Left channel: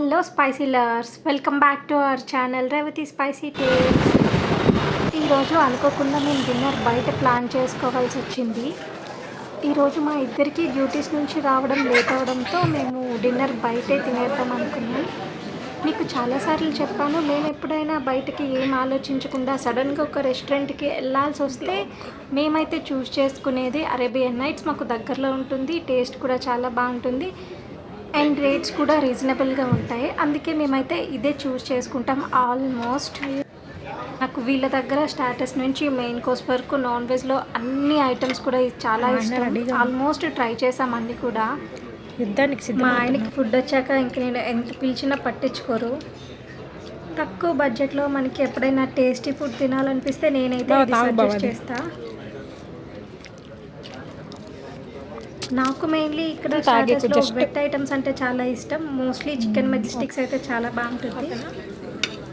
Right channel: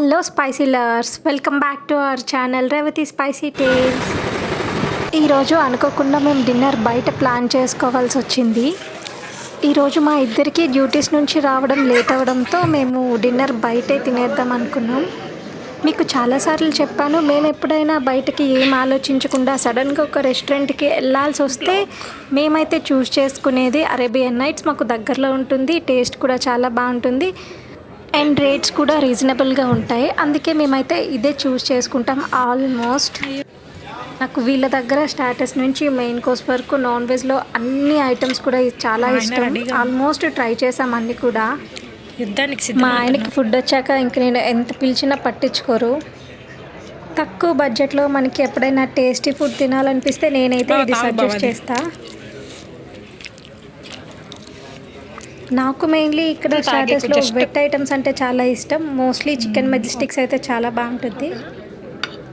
Hello spicy lovers welcome back to our channel Revathi spicy tales ఈరోజు అనుకోకుండా మేము dinner బయట ప్లాన్ చేసుకోవాల్సి వచ్చింది. ఈరోజు మా ఇద్దరికి డ్యూటీస్ నుంచి రావడం లేట్ అవడంతో మేము డిన్నర్ బయటే తినేద్దాం అనుకున్నాం. మీకు చాలాసార్లు చెప్పాను మేము ఎప్పుడైనా బయటకి ఏం ఆలోచించకుండా సడన్గా ఒక రెస్టారెంట్కి వెళ్ళాల్సి వస్తే మేమైతే చూస్ చేసుకునేది అరేబియన్ నైట్స్ మాకు దగ్గరలో ఉంటుంది టేస్ట్ కూడా చాలా బాగుంటుంది. అండ్ రేట్స్ కూడా రీజనబుల్గా ఉంటాయి. అందుకే మేమైతే ఇదే చూస్ చేసుకుంటాం ఆల్మోస్ట్ నాకు వీళ్ళ దగ్గర స్టాటస్ నుంచి మెయిన్ కోర్స్ వరకు నాన్ వెజ్లో అన్ని ఐటమ్స్ కూడా చాలా ఇష్టం. ఆల్మోస్ట్ ట్రై చేసాం అన్ని కూడా. యుద్ధానికి మా ఆయనకి ఫుడ్ వచ్చాక ఇంక నేను ఎంత పిలిచినా పట్టించుకోరు. తక్కువ బడ్జెట్లో మనకి ఎప్పుడైనా టేస్టీ ఫుడ్ తినాలనిపిస్తే నేనైతే బావ, ఇది తాగు బావ సజెస్ట్ అది. చేస్తా. నాకు మెయిన్లీ ఇక్కడ just- వెట్ ఐటమ్స్ అంటే చాలా ఇష్టం. మోస్ట్లీ చికెన్ మెజెస్టిక్స్ అయితే చాలా బాగుంటుంది.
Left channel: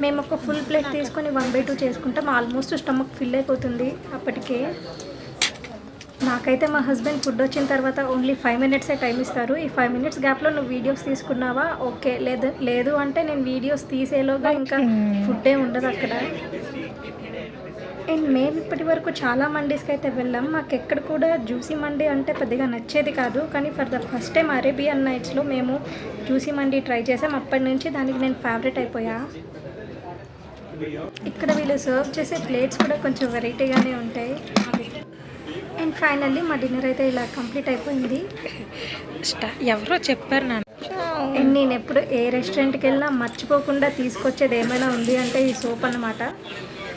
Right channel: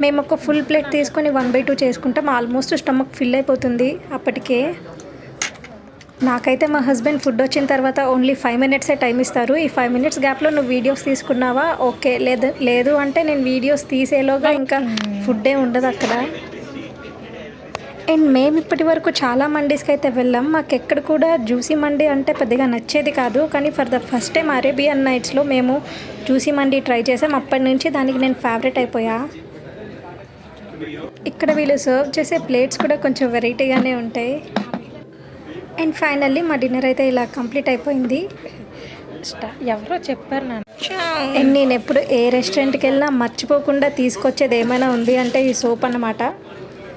మేము ఒక ఫుల్ ప్లేట్ తీసుకొని వన్ బై టూ చేసుకుంటాం. ఆల్మోస్ట్ స్టమక్ ఫిల్ అయిపోతుంది అప్పటికే. నాకైతే మా హస్బెండ్ ఫుడ్ వచ్చిన తర్వాత ఓన్లీ ఫైవ్ మినిట్సే టైం ఇస్తారు. ఈ ఫైవ్ మినిట్స్ గ్యాప్లో నువ్వు వీడియోస్ తీసుకున్నావా? ఓకే లేదు లేదు అంటే నేను వీడియోస్ తీసేలోగా ఇంకా ఫుడ్డే ఉండదు అక్కడ. అండ్ మేము ఇప్పటి వరకు చాలా మండీస్కి అయితే వెళ్ళాం. మాకు ఎక్కడ కూడా జ్యూసీ మండీ అంటే పెద్దగా నచ్చేది కాదు. కానీ for the first time Arabian నైట్స్లో మేము జ్యూసీ మండీ ట్రై చేసాం. అప్పటి నుంచి దానికి నేను ఫేవరెట్ అయిపోయా. ఇక్కడ వీళ్ళు సర్వ్ చేసే ప్లేట్స్ కూడా కొంచెం వెరైటీగానే ఉంటాయి. అండ్ ఫైనల్లీ మా డిన్నర్ అయితే ఇలా కంప్లీట్ అయిపోయింది. ఎవరో చెప్పారు నాన్న. అండ్ నేను ఎప్పుడు ఏ రెస్టారెంట్కి వెళ్ళినా మర్చిపోకుండా తీసుకొచ్చేది ఏమైనా ఉంది అంటే ఈ సోప్ అన్నమాట.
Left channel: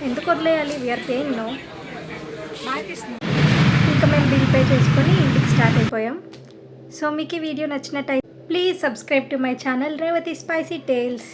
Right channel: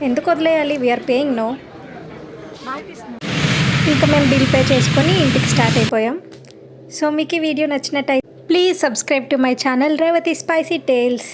ఎందుకు వదిలేయాలి? వీఆర్ పేయింగ్ నో ఇంకా మేము బిల్ పే చేసుకొని ఇంటికి స్టార్ట్ అయిపోయాం. సో మీకు ఈ వీడియో నచ్చినట్టయితే please subscribe to my channel Revathi spicy tales